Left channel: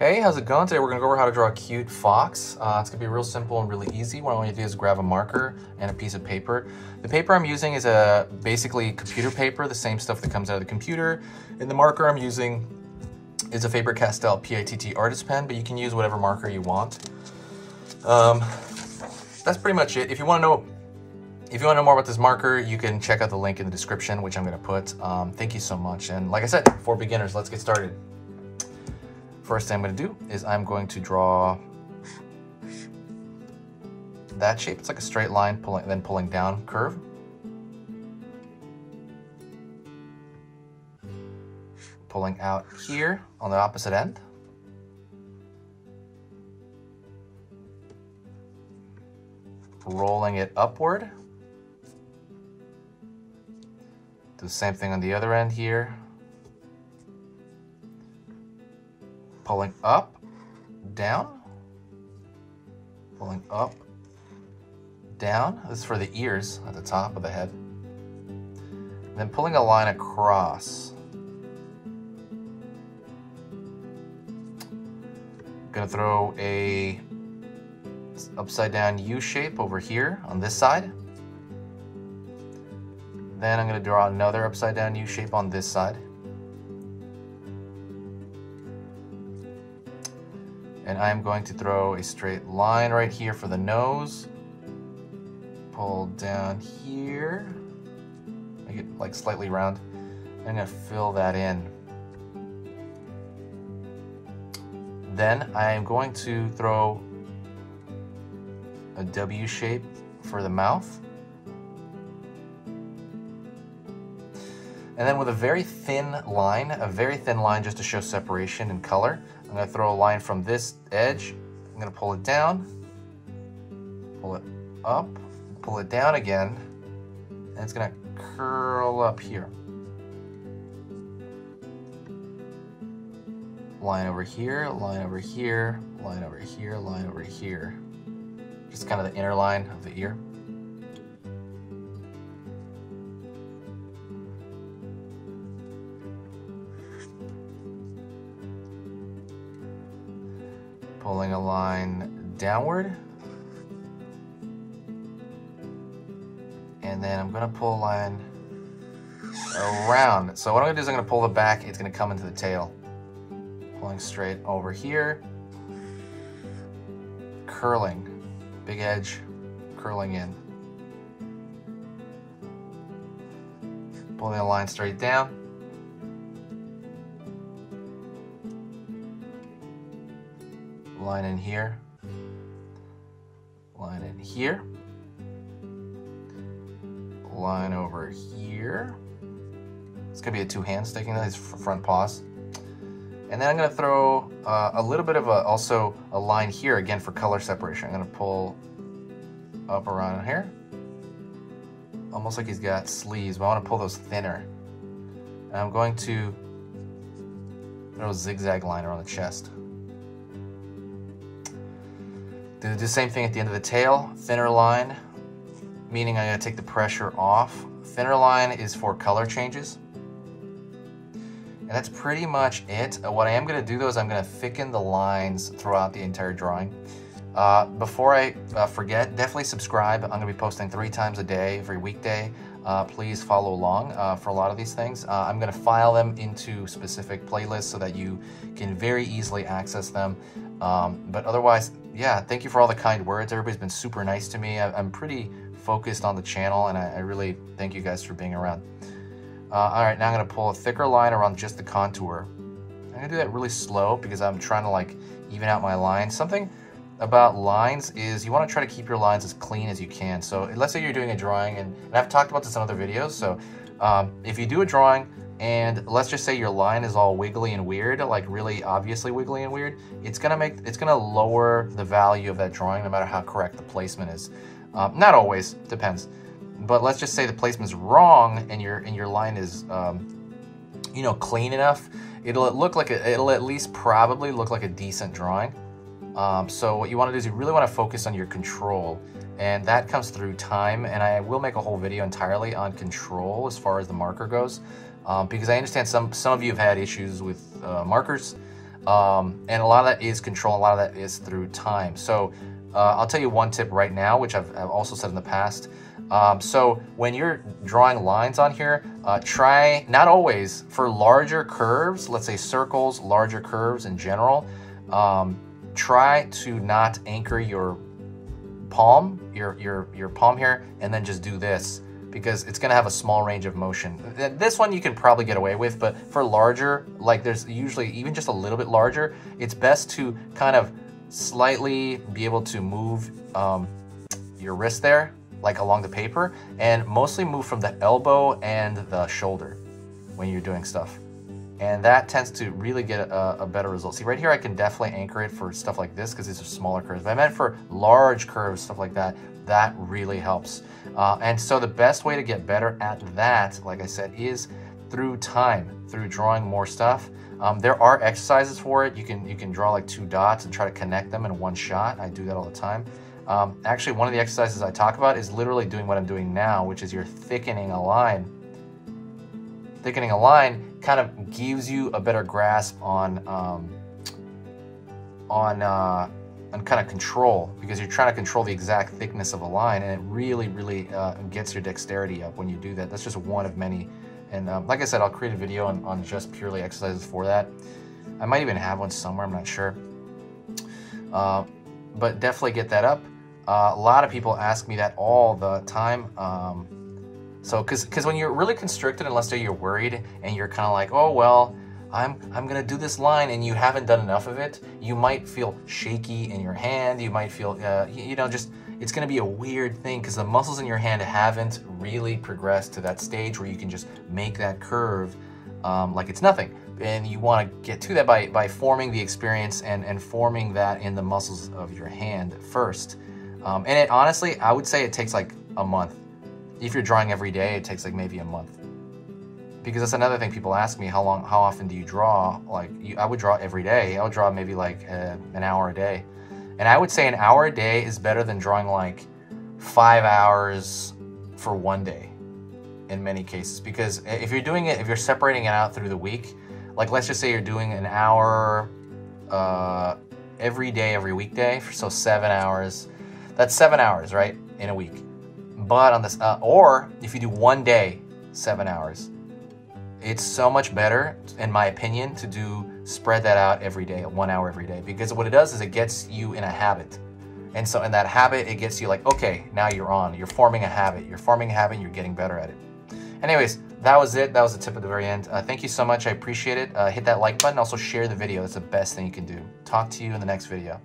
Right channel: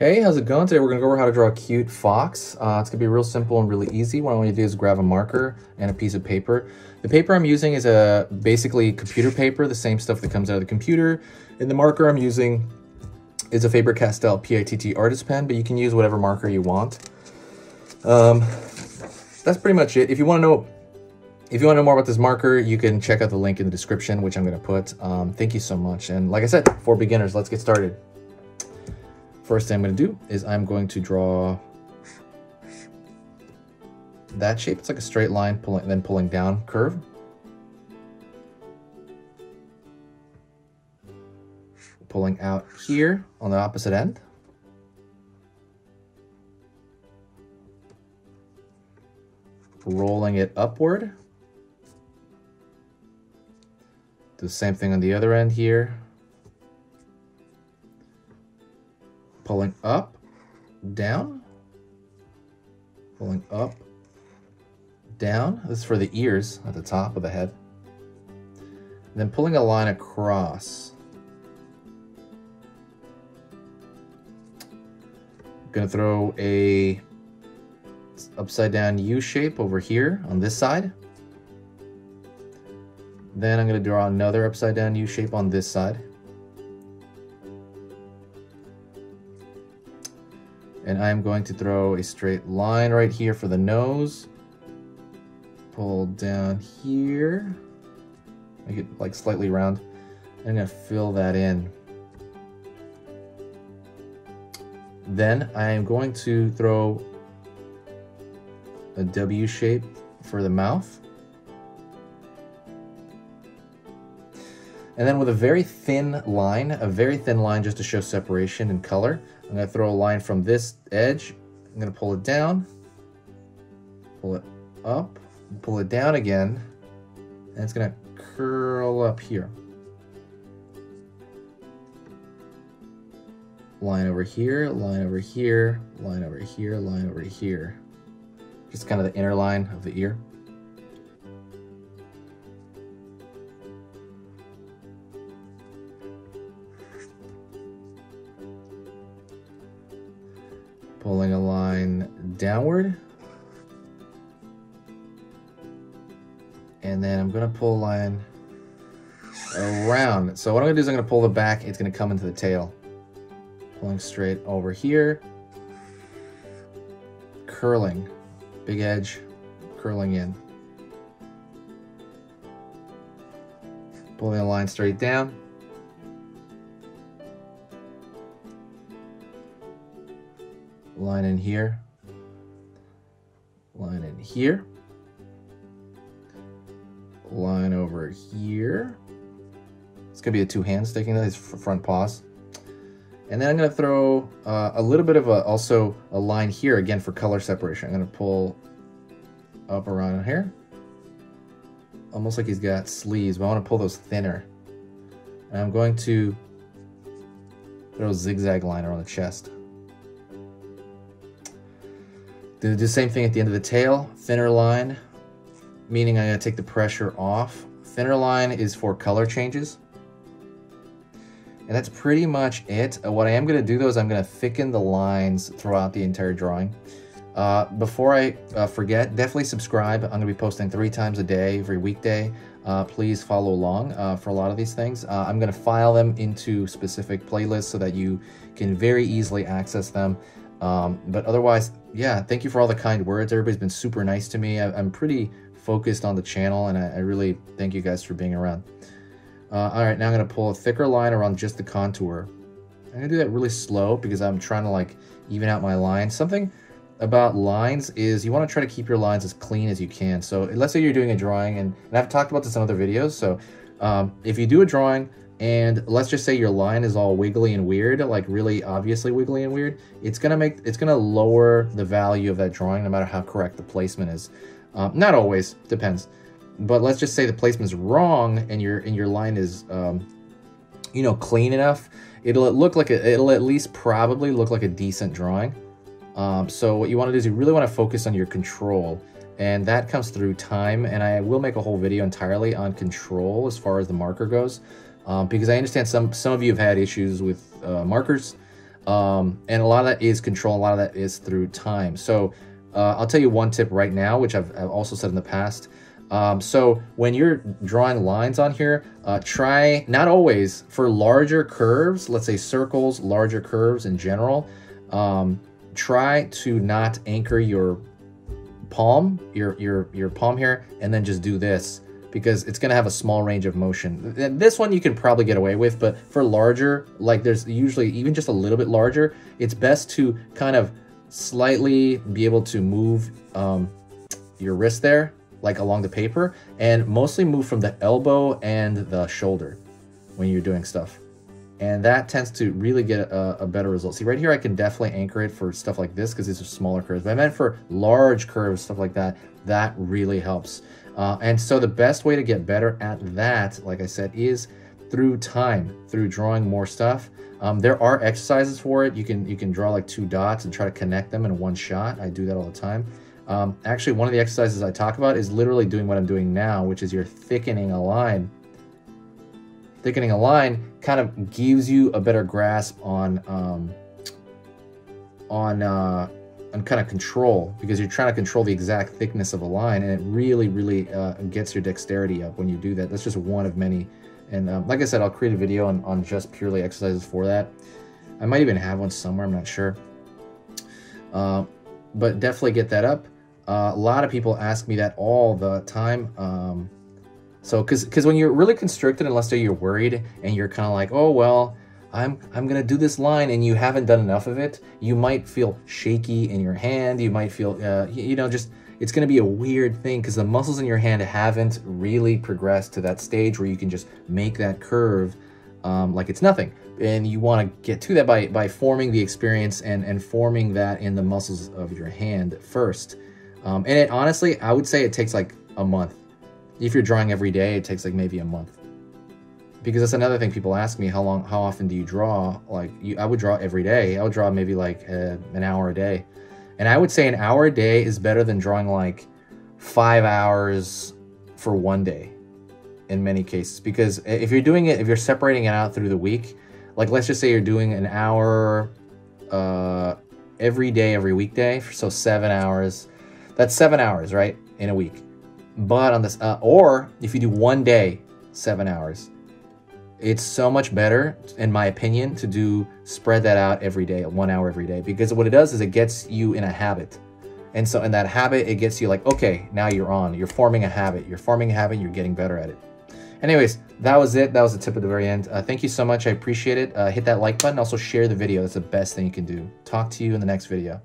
Hey, how's it going? Today we're gonna go over how to draw a cute fox. It's gonna be real simple and really easy. What I want you to do is grab a marker and a piece of paper. The paper I'm using is basically computer paper, the same stuff that comes out of the computer. And the marker I'm using is a Faber-Castell PITT artist pen, but you can use whatever marker you want. That's pretty much it. If you want to know more about this marker, you can check out the link in the description, which I'm gonna put. Thank you so much. And like I said, for beginners, let's get started. First thing I'm going to do is I'm going to draw that shape. It's like a straight line, pulling down curve. Pulling out here on the opposite end. Rolling it upward. Do the same thing on the other end here. Pulling up, down, pulling up, down. This is for the ears at the top of the head. And then pulling a line across. I'm gonna throw a upside down U shape over here on this side. Then I'm gonna draw another upside down U shape on this side. And I'm going to throw a straight line right here for the nose. Pull down here. Make it like slightly round. I'm gonna fill that in. Then I am going to throw a W shape for the mouth. And then with a very thin line just to show separation and color, I'm gonna throw a line from this edge. I'm gonna pull it down, pull it up, pull it down again, and it's gonna curl up here. Line over here, line over here, line over here, line over here. Just kind of the inner line of the ear. Pulling a line downward. And then I'm gonna pull a line around. So what I'm gonna do is I'm gonna pull the back, it's gonna come into the tail. Pulling straight over here. Curling, big edge, curling in. Pulling a line straight down. Line in here, line in here, line over here. It's gonna be a two hands sticking out his front paws. And then I'm gonna throw a little bit of also a line here again for color separation. I'm gonna pull up around here, almost like he's got sleeves, but I wanna pull those thinner. And I'm going to throw a zigzag line around the chest. Do the same thing at the end of the tail, thinner line, meaning I'm gonna take the pressure off. Thinner line is for color changes. And that's pretty much it. What I am gonna do though is I'm gonna thicken the lines throughout the entire drawing. Before I forget, definitely subscribe. I'm gonna be posting 3 times a day, every weekday. Please follow along for a lot of these things. I'm gonna file them into specific playlists so that you can very easily access them. But otherwise, yeah, thank you for all the kind words. Everybody's been super nice to me. I'm pretty focused on the channel, and I really thank you guys for being around. All right, now I'm gonna pull a thicker line around just the contour. I'm gonna do that really slow because I'm trying to like even out my lines. Something about lines is you wanna try to keep your lines as clean as you can. So let's say you're doing a drawing, and I've talked about this in other videos. So if you do a drawing, and let's just say your line is all wiggly and weird, like really obviously wiggly and weird, it's gonna lower the value of that drawing no matter how correct the placement is. Not always, depends. But let's just say the placement's wrong and your line is you know, clean enough, it'll at least probably look like a decent drawing. So what you want to do is you really want to focus on your control, and that comes through time, and I will make a whole video entirely on control as far as the marker goes, because I understand some of you have had issues with markers. And a lot of that is control, a lot of that is through time. So I'll tell you one tip right now, which I've also said in the past. So when you're drawing lines on here, try, not always, for larger curves, let's say circles, larger curves in general, try to not anchor your palm, your palm here, and then just do this, because it's gonna have a small range of motion. This one you can probably get away with, but for larger, like there's usually even just a little bit larger, it's best to kind of slightly be able to move your wrist there, like along the paper, and mostly move from the elbow and the shoulder when you're doing stuff. And that tends to really get a better result. See, right here I can definitely anchor it for stuff like this because these are smaller curves. But I meant for large curves, stuff like that, that really helps. And so the best way to get better at that, like I said, is through time, through drawing more stuff. There are exercises for it. You can draw like 2 dots and try to connect them in one shot. I do that all the time. Actually, one of the exercises I talk about is literally doing what I'm doing now, which is you're thickening a line. Thickening a line kind of gives you a better grasp on kind of control, because you're trying to control the exact thickness of a line, and it really gets your dexterity up when you do that. That's just one of many. And like I said, I'll create a video on just purely exercises for that. I might even have one somewhere, I'm not sure. But definitely get that up. A lot of people ask me that all the time. So, because when you're really constricted, and let's say you're worried and you're kind of like, oh, well, I'm gonna do this line, and you haven't done enough of it, you might feel shaky in your hand. You might feel, you know, just, it's gonna be a weird thing because the muscles in your hand haven't really progressed to that stage where you can just make that curve like it's nothing. And you want to get to that by forming the experience and forming that in the muscles of your hand first. And it honestly, I would say it takes like a month. If you're drawing every day, it takes like maybe a month. Because that's another thing people ask me, how often do you draw? Like, I would draw every day. I would draw maybe like an hour a day. And I would say an hour a day is better than drawing like 5 hours for one day in many cases. Because if you're doing it, if you're separating it out through the week, like let's just say you're doing an hour every day, every weekday, so 7 hours. That's 7 hours, right, in a week. But on this, or if you do one day, 7 hours, it's so much better, in my opinion, to spread that out every day, 1 hour every day, because what it does is it gets you in a habit. And so in that habit, it gets you like, okay, now you're forming a habit. You're forming a habit, you're getting better at it. Anyways, that was it. That was the tip at the very end. Thank you so much. I appreciate it. Hit that like button. Also share the video. That's the best thing you can do. Talk to you in the next video.